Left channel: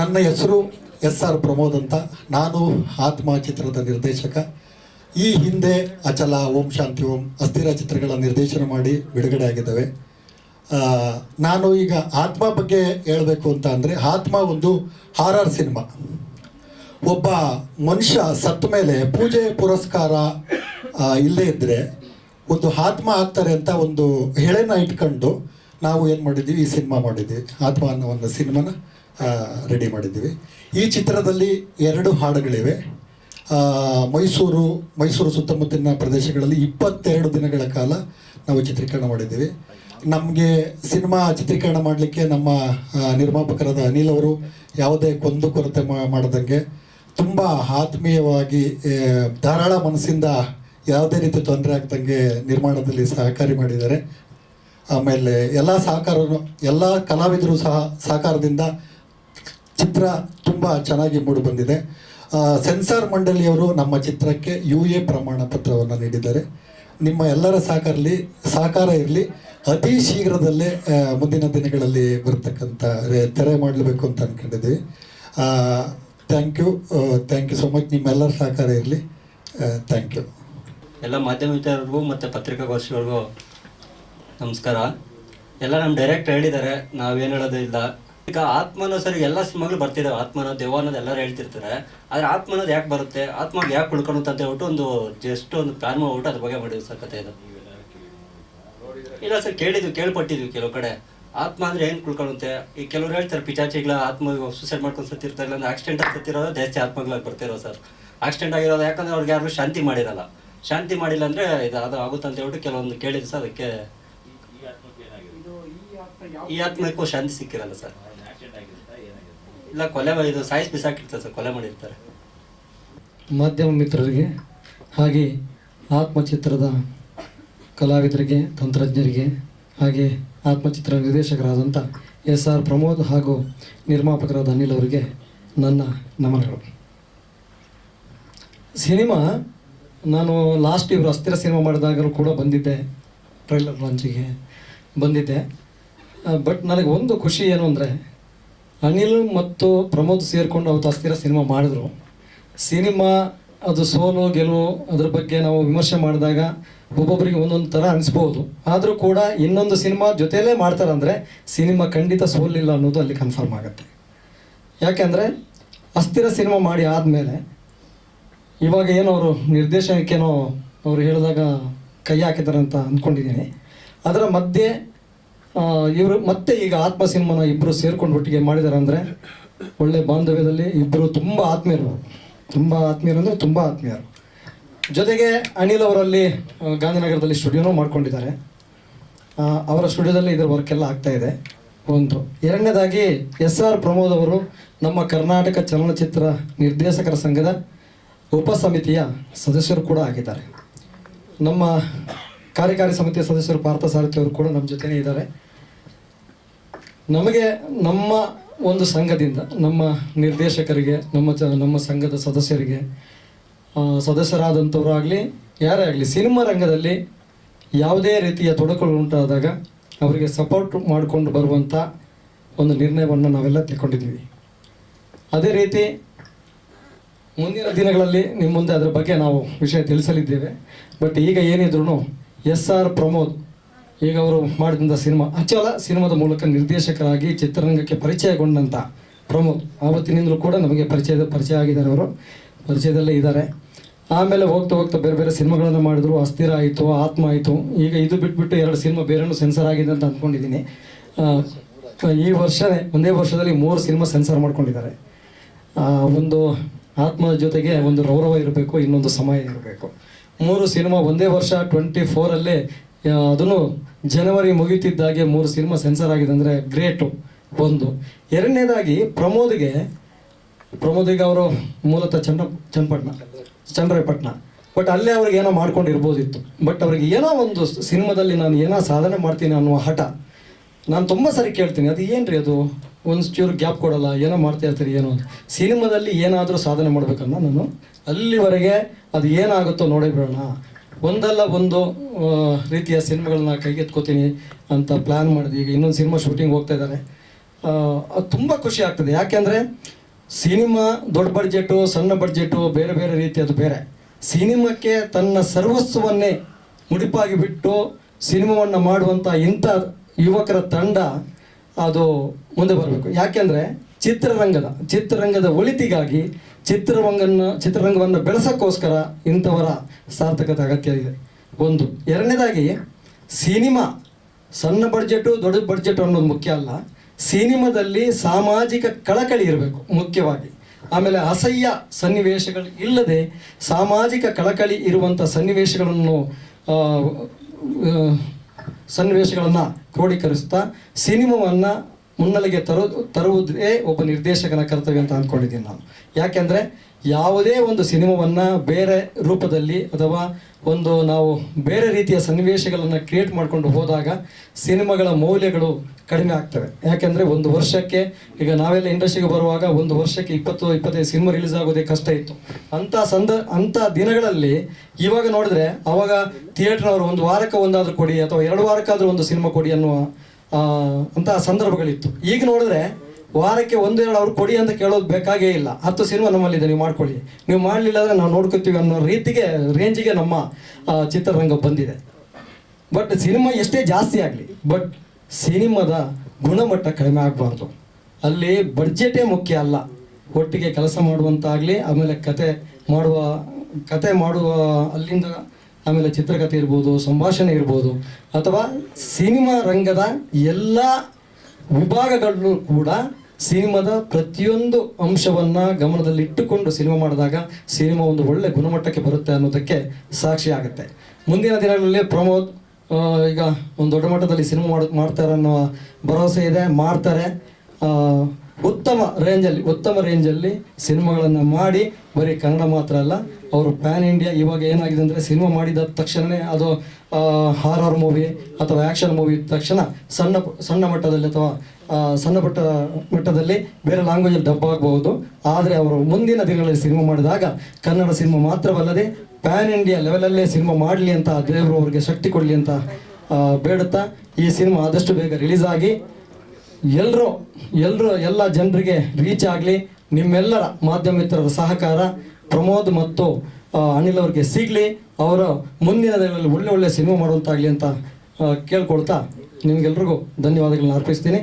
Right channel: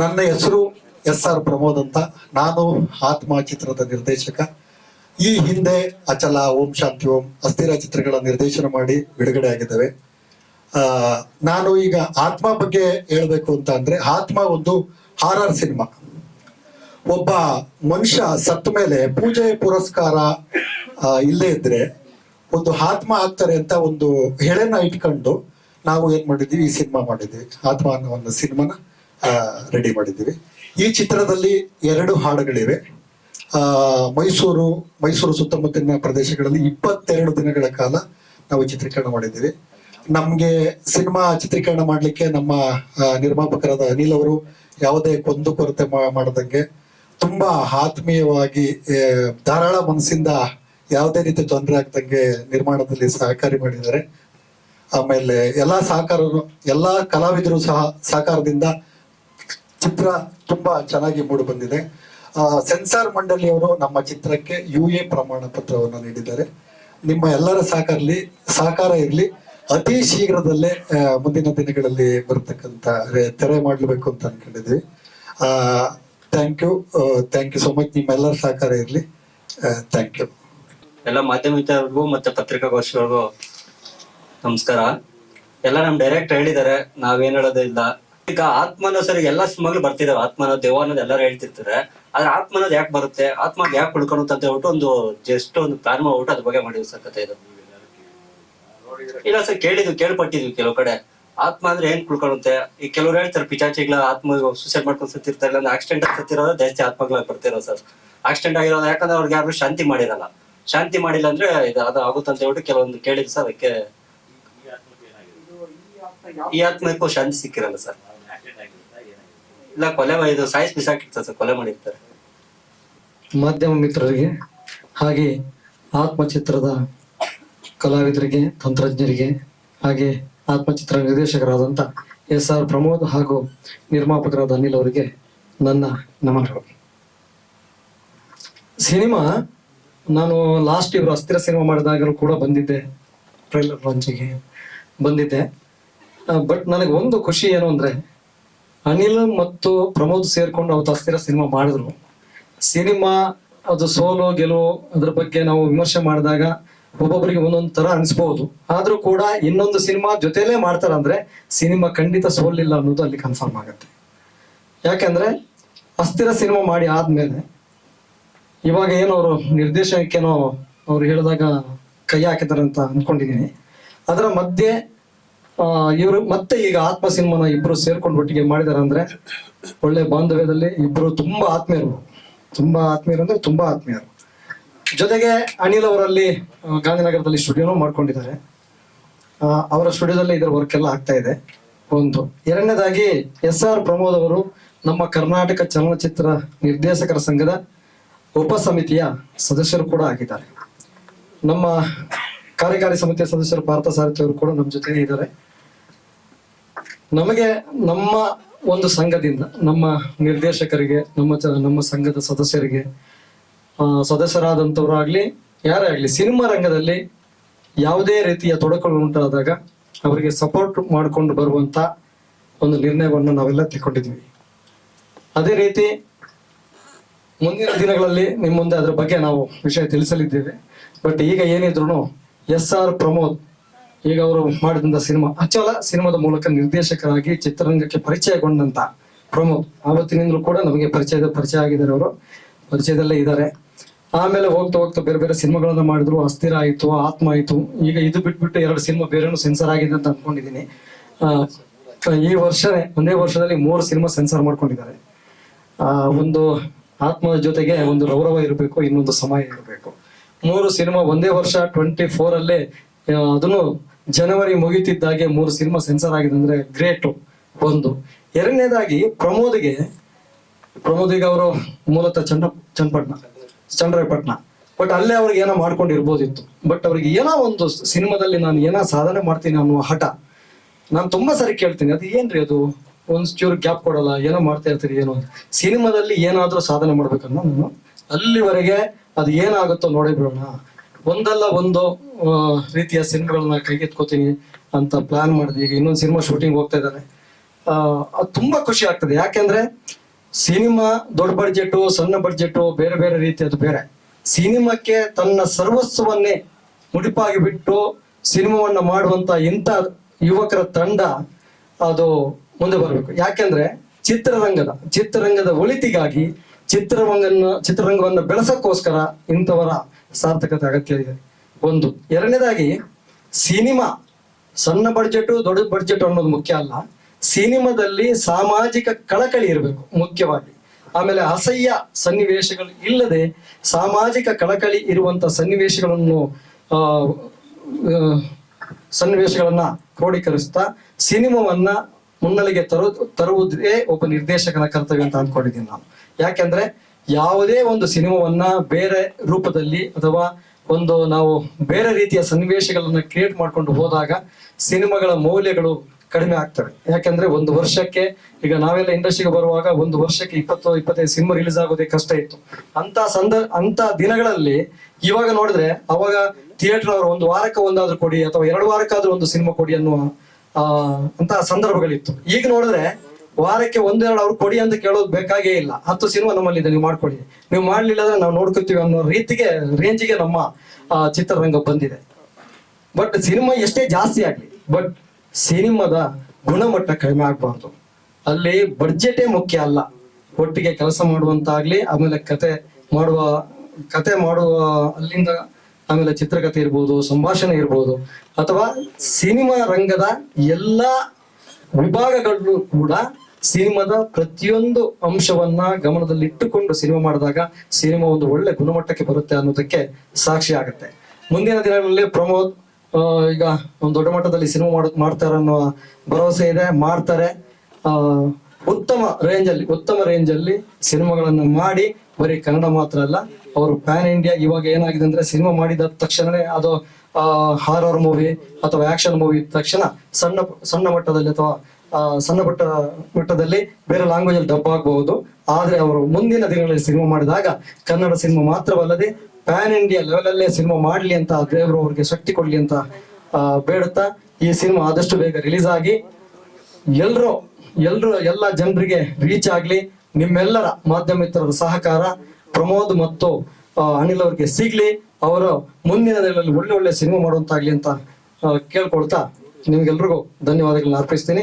ನನ್ನ ಹೆಸರು S R Pramod ಅಂತ. ನಾನು ಆತ್ಮ ಚಿತ್ರದ ನಿರ್ದೇಶಕ. ಈ ಹಿಂದೆ ಅಚಲ ಓಂ ಶಾಂತಿ ಓಂ ಅಸ್ಥಿರ ಚಿತ್ರಗಳ ನಿರ್ದೇಶನ ಮಾಡಿ ಬಿಡುಗಡೆ ಆಗಿದ್ದಾವೆ. ನಾನು ಈಗ ಆತ್ಮ ಬಗ್ಗೆ ಹೇಳಬೇಕು ಅಂತ ಅಂದರೆ ಆತ್ಮ ಒಂದು ಹಾರರ್ ಸಿನಿಮಾ ಒಬ್ಬ ಮನುಷ್ಯ ಸತ್ತ ಮೇಲೆ ಪೂಜೆ ಪುರಸ್ಕಾರ ಇಲ್ಲೇ ಇದ್ದರೆ ಒಂದು ಆತ್ಮ ಆಗ್ತಾರೆ ಅಂತ ಒಂದು ಹೆಳೆನ ಇಟ್ಕೊಂಡು ನಾವು ಏನು ಮಾಡಿದ್ವಿ ಈ ಸಿನಿಮಾ ಮಾಡಿದ್ವಿ. ಆತ್ಮ ಅನ್ನೋ ಒಂದು ಸಿನಿಮಾನ ರೆಡಿ ಮಾಡಿದ್ದೀವಿ. ಈ ಚಿತ್ರದಲ್ಲಿ ಎರಡು ಹಾಡುಗಳಿವೆ. ಮೈಸೂರು ಮೈಸೂರು ಸುತ್ತಮುತ್ತಲಿನ ಪ್ರದೇಶಗಳಲ್ಲಿ ಇಪ್ಪತ್ತೆರಡು ದಿನಗಳ ಕಾಲ ನಾವು ಚಿತ್ರೀಕರಣ ಮಾಡಿದ್ದೀವಿ. ನಮಗೆ ಸಿನಿಮಾ ಚಿತ್ರೀಕರಣ ಮಾಡಲಿಕ್ಕೆ ನಮ್ಮ ನಿರ್ಮಾಪಕರಾದ ಅನಿಲ್ ಅವರು ಯಾವುದೇ ಕೊಂದು ಕೊರತೆ ಮಾಡದಂಗೆ ತುಂಬ ಆತ್ಮೀಯವಾಗಿ ಧಾರಾಳ ಮನಸ್ಸಿಂದ ಯಾವುದೇ ರೀತಿ ತೊಂದರೆ ಆಗ್ತಂಗೆ ನಿರ್ಮಾಣದಲ್ಲಿ ಸಹಕಾರಿ ಮಾಡಿದ್ದಾರೆ. ಆಮೇಲೆ ಎಲ್ಲ ಸಹಕಾರನು, ಎಲ್ಲ ಕಲಾವಿದರು ಸಹ ಸಹಕಾರದಿಂದ ಚಿತ್ರ ತುಂಬಾ ಚೆನ್ನಾಗಿ ಮೂಡಿ ಬಂದಿದೆ. ಸೆನ್ಸಾರ್ ಮಂಡಳಿಯವರು ನಮ್ಮ ಚಿತ್ರಕ್ಕೆ ಯು ಎ ಪ್ರಮಾಣ ಪತ್ರವನ್ನು ನೀಡಿದ್ದಾರೆ. ನಿಮ್ಮ ಎಲ್ಲರ ಸಹಕಾರಲಿ ಸಹಕಾರ ಇರಲಿ. ಅತಿ ಶೀಘ್ರದಲ್ಲೇ ಮುಂದಿನ ದಿನಗಳಲ್ಲಿ ಬರ್ತಕ್ಕಂಥ ತೆರೆ ಮಾಡಬೇಕು ಅಂತ ಅನ್ಕೊಂಡಿದ್ವಿ thank you thank you so much ನಿಮ್ಮೆಲ್ಲರ ಸಹಕಾರ ಇರಲಿ. ಥ್ಯಾಂಕ್ ಯು ಎಲ್ಲ ಮಾಧ್ಯಮಿಕರಿಗೂ ಮತ್ತೆ ಪತ್ರಿಕಾಗೋಷ್ಠಿಗಳಿಗೂ ನಮಸ್ಕಾರ. ಎಲ್ಲ ನಮ್ಮ ಡೈರೆಕ್ಟ್ ಹೇಳಿದ್ದಾರೆ, ನಾವೇನ್ ಹೇಳೋದಿಲ್ಲ. ಈಗ ಆತ್ಮನ ಸರಿ ಎಲ್ಲ ಸಿನಿಮಾಗಳು ಬರ್ತಿದಾವೆ. ಆತ್ಮನ ದೇವ ಅನ್ನೋದು ಎಲ್ಲರೂ ಹೇಳ್ತಿರ್ತಾರೆ. ಆದ್ರೆ ಆತ್ಮ ಅನ್ನೋದು ಯಾಕೆ ಬರುತ್ತೆ? ಆತ್ಮ ಯಾಕೆ ಉಳ್ಕೊಳ್ಳುತ್ತೆ ಅಂತ ಹೇಳ್ಬಿಟ್ಟು ಒಂದು ಜಸ್ಟ್ ಒಂದು ಪ್ಲಾನ್ ಮಾಡ್ಬಿಟ್ಟು ಅದ್ರ ಬಗ್ಗೆ ಮಾಡಿದ್ರು ಸರ್ ಕಥೆ ಇದು. ಇಲ್ಲ ಸರ್ ಕೇಳಿದ್ವಿ ಕೇಳ್ಪಟ್ಟಿದ್ವಿ ಕೆಲವು ಕಡೆ. ಆತ್ಮ ಅಂದ್ರೆ ಏನ್ ಕುಳ್ಕೊಳ್ಳುತ್ತೆ ಈ ಕೆಲವ್ರು ಹೇಳ್ತಾರೆ ಪಿಚಾಚಿಗಳ ಆತ್ಮ ಸುಸೈಡ್ ಮಾಡ್ಕೊಂಡು ಸತ್ತಿರ್ತಾರೆ ಇಲ್ಲ ಆಕ್ಸಿಡೆಂಟ್ ಆಗ್ತಿರೋದು ಜಾಸ್ತಿ ಆತ್ಮಗಳ ಬರ್ತಿರೋ ಸರ್. ಆಕ್ಸಿಡೆಂಟ್ ಆಗಿರೋದು ಯಾಕಂದ್ರೆ ಅವ್ರಿಗೆ ಯಾರು ಶಾಂತಿ ಮಾಡಿರಲ್ಲ. ಶಾಂತಿ ಮಾಡಿಲ್ಲ ಅಂದ್ರೆ ಇದು ಅದು ಆಗುತ್ತೆ ಅಂತ ಹೇಳ್ಬಿಟ್ಟು ಕೆಲವೊಂದು ಕೇಳಿದ್ ಸರ್, ಅದಕ್ಕೆ ಈ ಆತ್ಮಕ್ಕೂ ಶಾಂತಿ ಸಿಕ್ಕಿರಲ್ಲ ಸರ್. ಇಲ್ಲ, ಕೊಲೆ ಇದು ಸಾಯಿಸ್ ಬಿಸಾಕಿರ್ತದೆ ಕೊಲೆ ಮಾಡಿರ್ತಾರೆ. ಮಾಧ್ಯಮ ಮಿತ್ರರಿಗೆ, ಹಾಗೆ ಆತ್ಮಚಿತ್ರದ ಕಲಾವಿದರಿಗೆ, ತಂತ್ರಜ್ಞರಿಗೆ, ಹಾಗೆ ಆತ್ಮಚಿತ್ರ ನಿರ್ದೇಶಕರಾದಂಥ ಎಸ್ ಆರ್ ಪ್ರಮೋದ್ ಹಾಗೂ ನಿರ್ಮಾಪಕರಾದ ಅನಿಲ್ ಅವರಿಗೆ ನನ್ನ ನಮನಗಳು. ಸಿನಿಮಾ, ನಾನು ಲಾಸ್ಟ್ ಇಯರ್ ಅಸ್ತಿರ ಸಿನಿಮಾ ಮಾಡಿದಾಗ ಕೂಡ ಬಂದಿದ್ದೆ ಟ್ರೈಲರ್ ಲಾಂಚಿಗೆ ಬಂದಿದ್ದೆ. ಬಟ್ ನನಗೆ ಒಂದು ಖುಷಿ ಏನು ಅಂದರೆ ಅನಿಲ್ ಮತ್ತು ಪ್ರಮೋದ್ ಸೇರ್ಕೊಂಡು ನಾವು ಅಸ್ಥಿರ ಸಿನಿಮಾ ಮಾಡಿದ್ರು. ಸಿನಿಮಾ, ಅದು ಸೋಲು, ಗೆಲುವು, ಅದ್ರ ಬಗ್ಗೆ ನಾವು ವಿಮರ್ಶೆ ಮಾಡಿದಾಗ ಒಬ್ಬೊಬ್ಬರಿಗೆ ಒಂದೊಂದು ಥರ ಅನಿಸ್ಬೋದು. ಆದರೂ ಕೂಡ ಇನ್ನೊಂದು ಸಿನಿಮಾ ಜೊತೆಲೇ ಮಾಡ್ತಾರಂದರೆ ಸಿನಿಮಾ ಖಂಡಿತ ಸೋಲಿಲ್ಲ ಅನ್ನೋದು ಅಲ್ಲಿ ಕನ್ಫರ್ಮ್ ಆಗುತ್ತೆ. ಯಾಕೆಂದ್ರೆ ಅಸ್ಥಿರ ಸಿನಿಮಾ ಮಾಡಿ ಆದಮೇಲೆ ಇವಾಗ ಏನು ಅವರು ನಿರ್ದೇಶನಕ್ಕೇನೋ ಅವ್ರು ಹೇಳಿದಾಗ ಕೈ ಹಾಕಿದ್ದಾರೆ ಅಂತ ಅಂದ್ಕೊಂಡಿದ್ದೀನಿ ಅದರ ಮಧ್ಯೆ ಇವರು ಮತ್ತೆ ಈಗ ಆತ್ಮ ಸಿಂಹನ ಇಬ್ಬರು ಸೇರ್ಕೊಂಡು ಒಟ್ಟಿಗೆ ಮಾಡಿದ್ದಾರೆ ಅಂದ್ರೆ ಒಳ್ಳೆ ಬಾಂಧವ್ಯದಲ್ಲಿ ಇಬ್ಬರು ತುಂಬಾ ಆತ್ಮೀಯರು. ತುಂಬಾ ಆತ್ಮೀಯರು ಅಂದ್ರೆ ತುಂಬಾ ಆತ್ಮೀಯರು. ಜೊತೆಗೆ ಅನಿಲ್ ಅವರಲ್ಲಿ ಗಾಂಧಿನಗರದಲ್ಲಿ ಸ್ಟುಡಿಯೋನೂ ಮಾಡ್ಕೊಂಡಿದ್ದಾರೆ. ಅವರ ಸ್ಟುಡಿಯೋದಲ್ಲಿ ಇದರ ವರ್ಕ್ ಎಲ್ಲ ಆಗ್ತಾ ಇದೆ. ಒಂದು. ಎರಡನೇದಾಗಿ ಎಸ್ ಆರ್ ಪ್ರಮೋದ್ ಅವರು ನಮ್ಮ ಕರ್ನಾಟಕ ಚಲನಚಿತ್ರ ನಿರ್ದೇಶಕರ ಸಂಘದ ಉಪ ಸಮಿತಿಯ ಸದಸ್ಯರು ಕೂಡ ಆಗಿದ್ದಾರೆ. ನಮ್ಮ ಕಾರ್ಯಕಾರಿ ಸಮಿತಿಯ ಸದಸ್ಯರು ಪಾರ್ಥ ಸಾಹಿತ್ಯರು ಕೂಡ ನಮ್ಮ ಜೊತೆ ಇದ್ದಾರೆ. ನಮಗೆ ನಮ್ಮ ಒಂದು ಸಂಘದಿಂದ, ನಮ್ಮ ನಿರ್ದೇಶಕರಿಗೆ, ನಮ್ಮ ನಮ್ಮ ಸಂಘದ ಸದಸ್ಯರಿಗೆ ಸದಸ್ಯರಾದಂಥವರಾಗಲಿ ಯಾರೇ ಆಗಲಿ ಸಿನಿಮಾ ರಂಗದಲ್ಲಿ ಯಾವುದೇ ರೀತಿಯ ತೊಡಕುಗಳು ಉಂಟಾದಾಗ ಅವರಿಗೆ ಸಪೋರ್ಟ್ ಮಾಡಿಕೊಂಡು ಬರುವಂಥ ಒಂದು ನಿರ್ಣಯವನ್ನು ನಾವೆಲ್ಲ ತಿಳ್ಕೊಂಡಿದ್ದೀವಿ ಅದೇ ರೀತಿ ಮುಂದಿನ ದಿನಗಳಲ್ಲಿ ನಿಮ್ಮ ಮುಂದೆ ಅದರ ಬಗ್ಗೆ ನಾವು ವಿಷಯ ತಿಳಿಸಲಿದ್ದೇವೆ. ಬಟ್ ಈಗ ಏನಿದ್ರು ಎಸ್ ಆರ್ ಪ್ರಮೋದ್. ಈಗ ಅವರು ಮಾಡಿದಂಥ ಸಿನಿಮಾ ಅಚಲ ಸಿನಿಮಾದ ಮೂಲಕ ನಿರ್ದೇಶಕರಾಗಿ ಚಿತ್ರರಂಗಕ್ಕೆ ಪರಿಚಯಗೊಂಡಂತ ಪ್ರಮೋದ್. ಆವತ್ತಿನಿಂದಲೂ ಕೂಡ ನಮಗೆ ಪರಿಚಯದ ಪರಿಚಯ ಆಗಿದ್ದಾರೆ ಅವರು. ಪರಿಚಯದಲ್ಲೇ ಇದ್ದಾರೆ. ಆಮೇಲೆ ಹೋಗ್ತಾ ಹೋಗ್ತಾ ಬೇರೆ ಬೇರೆ ಸಿನಿಮಾಗಳನ್ನ ಮಾಡಿದ್ರು. ಅಸ್ಥಿರ ಆಯಿತು, ಆತ್ಮ ಆಯಿತು. ಈಗ ಇದು ಬಿಟ್ಬಿಟ್ಟು ಎರಡು ಸಿನಿಮಾ ಬೇರೆನೂ ಸೆನ್ಸರ್ ಆಗಿದೆ ಅಂತ ಅಂದ್ಕೊಂಡಿದ್ದೀನಿ. ಈ ವರ್ಷನೇ, ಒಂದೇ ವರ್ಷದಲ್ಲಿ ಮೂರು ಸಿನಿಮಾ ಸೆನ್ಸರ್ ಮಾಡ್ಕೊಂಡಿದ್ದಾರೆ. ಒಂದು ಆತ್ಮದ ಜೊತೆಗೆ ಒಂದು ಗೌರವ ಇರಬೇಕು, ಇನ್ನೊಂದು ಸಮಯ ಇರಬೇಕು. ಮೂರು ಸಿನಿಮಾ ಒಂದೇ ವರ್ಷ, ಟ್ವೆಂಟಿ ಫೋರಲ್ಲೇ ಅದನ್ನು ಜನವರಿ ಮುಗಿತಿದ್ದಾಗೆ ಮೂರು ಸಿನಿಮಾ ಸೆನ್ಸರ್ ಆಗಿದೆ ಅಂದ್ರೆ ಗ್ರೇಟು. ಒಂದು. ಎರಡನೇದಾಗಿ ಪ್ರಮೋದ್ಗೆ, ಪ್ರಮೋದಿಗೆ ಅವರು ಮೂಲತಃ ಚನ್ನ ಚನ್ನಪಟ್ಟಣ ಚನ್ನರಾಯಪಟ್ಟಣ ಬಟ್ ಅಲ್ಲೇ ಅವ್ರಿಗೆ ಏನೋ ಮಾಡ್ಕೊಂಡಿರ್ಬೋದಿತ್ತು. ಬಟ್ ಅವ್ರಿಗೆ ಏನೋ ಒಂದು ಸಿನಿಮಾದಲ್ಲಿ ನಾನು ಏನೋ ಸಾಧನೆ ಮಾಡ್ತೀನಿ ಅನ್ನೋ ಹಠ. ನಾನು ತುಂಬಾ ಸರಿ ಕೇಳ್ತೀನಿ, ಅದು ಏನ್ರಿ ಅದು? ಒಂದು ಚೂರು ಗ್ಯಾಪ್ ಕೊಡೋಲ್ಲ, ಏನೋ ಮಾಡ್ತಾ ಇರ್ತೀರಿ ಏನೋ? ಸಿನಿಮಾದಲ್ಲಿ ಏನಾದರೂ ಸಾಧನೆ ಮಾಡ್ಬೇಕನ್ನೋ ನಾನು ಅಲ್ಲಿವರೆಗೆ ಅದು ಏನಾಗುತ್ತೋ ನೋಡಿ ಬಿಡೋಣ. ಒಂದಲ್ಲ ಒಂದು ರೀತಿಯ ಸಿನಿಮಾಗಳನ್ನ ಕೈಗೆತ್ಕೋತೀನಿ ಅಂತ ಪ್ಲಾನ್ ಮಾಡಿದ್ವಿ. ಇನ್ನೊಂದು ಸಿನಿಮಾ ಶೂಟಿಂಗ್ ಹೋಗ್ತಾ ಇದ್ದಾರೆ ಅದು ತುಂಬ ಖುಷಿ ಆಗ್ತದೆ. ಯಾಕೆಂದ್ರೆ ಸಿನಿಮಾ ದೊಡ್ಡ ಬಡ್ಜೆಟು ಸಣ್ಣ ಬಡ್ಜೆಟು ಬೇರೆ ಬೇರೆ ರೀತಿಯಲ್ಲಿ ಬೇರೆ. ಸಿನಿಮಾಕ್ಕೆ ತನ್ನ ಸರ್ವಸ್ವವನ್ನೇ ಮುಡಿಪಾಗಿ ಬಿಟ್ಟು ಸಿನಿಮಾವನ್ನ ಮಾಡುವಂತ ಇಂಥ ಯುವಕರ ತಂಡ ಅದು ಮುಂದೆ ಬರಬೇಕು. ಯಾಕೆಂದ್ರೆ ಚಿತ್ರರಂಗದ ಚಿತ್ರರಂಗದ ಒಳಿತಿಗಾಗಿ ಚಿತ್ರರಂಗನ, ಚಿತ್ರರಂಗವನ್ನು ಬೆಳೆಸೋಕ್ಕೋಸ್ಕರ ಇಂಥವರ ಸಾರ್ಥಕತೆ ಅಗತ್ಯ ಇದೆ ಒಂದು. ಎರಡನೇದಾಗಿ, ಸಿನಿಮಾ. ಸಣ್ಣ ಬಡ್ಜೆಟು ದೊಡ್ಡ ಬಡ್ಜೆಟ್ ಅನ್ನೋದು ಮುಖ್ಯ ಅಲ್ಲ. ಸಿನಿಮಾದಲ್ಲಿ ಸಾಮಾಜಿಕ ಕಳಕಳಿ ಇರಬೇಕು, ಮುಖ್ಯವಾಗಿ. ಆಮೇಲೆ ಅಸಹ್ಯ ಸನ್ನಿವೇಶಗಳು ಇಲ್ಲದೆ ಸಾಮಾಜಿಕ ಕಳಕಳಿ ಇರುವಂಥ ಸನ್ನಿವೇಶಗಳನ್ನು ಸನ್ನಿವೇಶಗಳನ್ನ ಕ್ರೋಢೀಕರಿಸ್ತಾ ಸಿನಿಮಾವನ್ನ ಮುನ್ನೆಲೆಗೆ ತರೋದು ತರುವುದೇ ಒಬ್ಬ ನಿರ್ದೇಶಕರ ಕರ್ತವ್ಯ ಅಂತ ಅನ್ಕೊಂಡಿದ್ದೀನಿ ನಾನು ಯಾಕೆಂದ್ರೆ ಯಾವುದೇ ಒಂದು ಸಿನಿಮಾವನ್ನ ಬೇರೆ ರೂಪದಲ್ಲಿ ಅಥವಾ ಒಂದು ನಾವು ಬೇರೆ ರೀತಿಯ ಸನ್ನಿವೇಶಗಳನ್ನ ಕ್ರಿಯೇಟ್ ಮಾಡ್ಕೊಂಡು ಹೋದಾಗ ಸಿನಿಮಾಗಳ ಮೌಲ್ಯಗಳು ಕಡಿಮೆ ಆಗ್ತವೆ. ಯಾಕೆಂದ್ರೆ ಒಂದು ವರ್ಷಕ್ಕೆ, ಈಗ ನಾವೆಲ್ಲ ಇಂಡಸ್ಟ್ರಿಗೆ ಬರುವಾಗ ಒಂದು ವರ್ಷಕ್ಕೆ ಇಪ್ಪತ್ತು, ಇಪ್ಪತ್ತೈದು ಸಿನಿಮಾ ರಿಲೀಸ್ ಆಗೋದೇ ಕಷ್ಟ ಇತ್ತು. ಅಂತ ಸಂದ ಅಂತ ದಿನಗಳಲ್ಲಿ ಇವಾಗ ನೋಡಿದ್ರೆ ಅವಾಗ ಥಿಯೇಟರ್ ಅವರು ಒಂದು ವಾರಕ್ಕೆ ಒಂದಾದ್ರೂ ಕೊಡಿ ಅಥವಾ ಎರಡು ವಾರಕ್ಕಾದ್ರೂ ಒಂದು ಸಿನಿಮಾ ಕೊಡಿ ಅನ್ನುವ ಆ, ಅಂತಹ ಸಂದರ್ಭಗಳಿತ್ತು. ಈಗ ನೋಡಿದ್ರೆ ವಾರಕ್ಕೆ ಒಂದು ಎರಡು ಅವ್ರು ಕೊಡಿ ಅಂತ ಕೇಳೋದು ಬೇಕಾಗೇ ಇಲ್ಲ. ಹತ್ತು ಸಿನಿಮಾ ನಮ್ಮಲ್ಲಿ ನೀವು ಮಾಡ್ಕೊಡಿ ನೀವು ಮಾಡಲಿಲ್ಲ ಅಂದ್ರೆ ನಾವು ನೋಡ್ಕೊತೀವಿ ಅನ್ನೋ ರೀತಿಗೆ ರೇಂಜಿಗೆ ನಮ್ಮ ಚಿತ್ರರಂಗ ಬಂದಿದೆ. ಬಟ್ ಸಿನಿಮಾ ಎಷ್ಟೇ ಜಾಸ್ತಿ ಆಗಲಿ ಬಟ್ ಸಿನಿಮಾದ ಗುಣಮಟ್ಟ ಕಡಿಮೆ ಆಗಬಾರ್ದು. ಅಲ್ಲಿ ಬಡ್ಜೆಟೇ ಮುಖ್ಯ ಅಲ್ಲ. ಒಟ್ಟಿಗೆ ಕೆಲಸ ಮಾಡುವಂತಾಗ್ಲಿ ಆಮೇಲೆ ಕತೆ ಮಾಡುವ ಕತೆ ಮಾಡುವ ಅಲ್ಲಿಂದ ಆಮೇಲೆ ಚಿತ್ರಕಥೆ ಇರ್ಬೋದು, ಸಂಭಾಷಣೆ ಇರ್ಬೋದು, ಅಥವಾ ಸಿನಿಮಾ ರಂಗದ ಎಲ್ಲ ವಿಭಾಗಗಳು ಕೂಡ ಸಿನಿಮಾದ ಪ್ರತಿಯೊಂದು ಅಂಶವನ್ನ ಗಮನದಲ್ಲಿ ಇಟ್ಟುಕೊಂಡು ಸಿನಿಮಾ ಮಾಡಿದಾಗ ಸಿನಿಮಾ ಒಂದು ಒಳ್ಳೆ ಗುಣಮಟ್ಟಕ್ಕೆ ಬರುತ್ತೆ ಅನ್ನೋದಕ್ಕೆ ಸಾಕ್ಷಿ ಆಗುತ್ತೆ. ಮುಂದಿನ ದಿನಗಳಲ್ಲಿ ಪ್ರಮೋದ್ ಈಗ ಒಂದು ದೊಡ್ಡ ಮಟ್ಟದಲ್ಲಿ ಸಿನಿಮಾ ಮಾಡ್- ಮಾಡ್ತಾರೆ ಅನ್ನೋ ಭರವಸೆ ಇದೆ, ಮಾಡ್ತಾರೆ. ಉತ್ತಮ ರೇಂಜಲ್ಲಿ ಉತ್ತಮ ರೇಂಜಲ್ಲಿ ಸಿನಿಮಾಗಳನ್ನು ಮಾಡಿ ಬರೀ ಕನ್ನಡ ಮಾತ್ರ ಅಲ್ಲ, ಅವರು ಪ್ಯಾನ್ ಇಂಡಿಯಾ ಇವಾಗ ಏನಾಗಿದೆ ಅಂದ್ರೆ ಸಿನಿಮಾ ಮಾಡಿದ ತಕ್ಷಣವೇ ಅದು ಹಾರರ್ ಮೂವಿ ಅಥವಾ ಆಕ್ಷನ್ ಮೂವಿ ತಕ್ಷಣ ಸಣ್ಣ ಸಣ್ಣ ಮಟ್ಟದಲ್ಲಿ ಅಥವಾ ಸಣ್ಣ ಪುಟ್ಟ ಮಟ್ಟದಲ್ಲಿ ಬೇರೆ ಲ್ಯಾಂಗ್ವೇಜ್ ಡಬ್ ಆಗಬಹುದು. ಆದರೆ ಅವರು ಮುಂದಿನ ದಿನಗಳಲ್ಲಿ ಸಿನಿಮಾ ಮಾಡಿದಾಗ ಕನ್ನಡ ಸಿನಿಮಾ ಮಾತ್ರವಲ್ಲದೆ ಪ್ಯಾನ್ ಇಂಡಿಯಾ ಲೆವೆಲಲ್ಲೇ ಸಿನಿಮಾ ಮಾಡಲಿ ಅಂತ ದೇವರು ಅವ್ರಿಗೆ ಶಕ್ತಿ ಕೊಡಲಿ ಅಂತ ಬೇಡುತ್ತಾ ಈ ಸಿನಿಮಾ ಆದಷ್ಟು ಬೇಗ ರಿಲೀಸ್ ಆಗಿ ಎಲ್ಲರೂ ಎಲ್ಲರೂ ಎಲ್ಲ ಜನರಿಗೆ ರೀಚ್ ಆಗಲಿ, ನಿಮ್ಮೆಲ್ಲರ ಮಾಧ್ಯಮ ಮಿತ್ರರ ಸಹಕಾರ, ಪ್ರಮೋದ್ ಮತ್ತು ಅನಿಲ್ ಅವ್ರಿಗೆ ಸಿಗ್ಲಿ, ಅವರು ಮುಂದಿನ ಒಳ್ಳೆ ಒಳ್ಳೆ ಸಿನಿಮಾ ಮಾಡುವಂತಾಗಲಿ ಅಂತ ಕೇಳ್ಕೊಳ್ತಾ ನಿಮ್ಗೆಲ್ರಿಗೂ ಧನ್ಯವಾದಗಳನ್ನ ಅರ್ಪಿಸ್ತೀನಿ.